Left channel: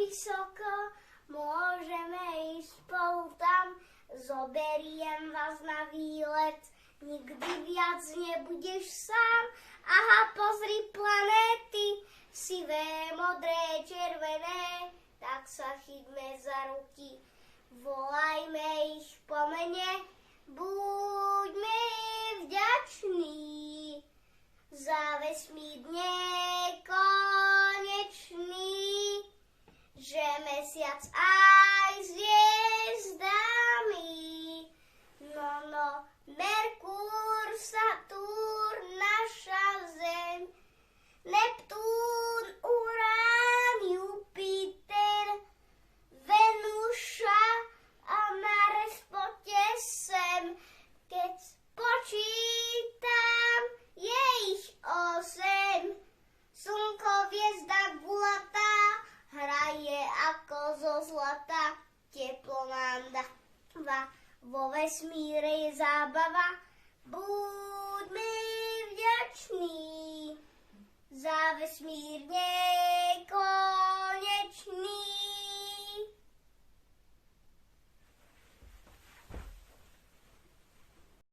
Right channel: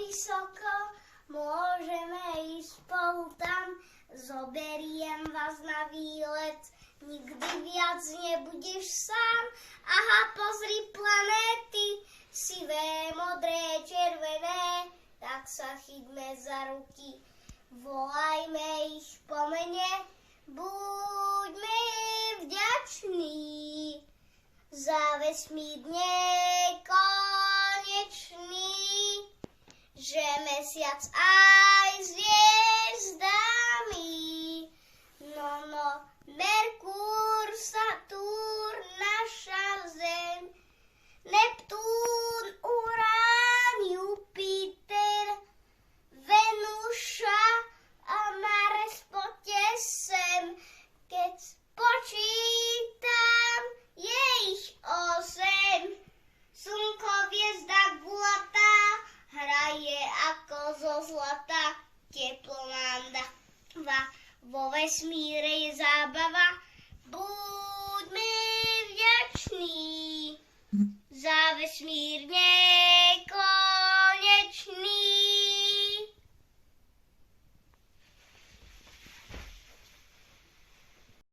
vysoko, môžeme ísť spolu tam, zoberiem vás na výlet, nikdy viac nebudeš sám. Aha, pozri planéty, sivé, modré, červené, tak sa chytme za ruky, volajme ich po mene, buďme vďační za vesmír nekonečný, že mesiac aj s hviezdami, no, Merkúr, Saturn, naša Zem, Neptún, Urán, Jupiter, Venuša a Mars, poďte sem, keď spočítam, je ich 8. Slnko, hviezda gulatá, hraje ako zo zlata, teplo nám dáva, vo vesmíre je zábava, buďme vďační za vesmír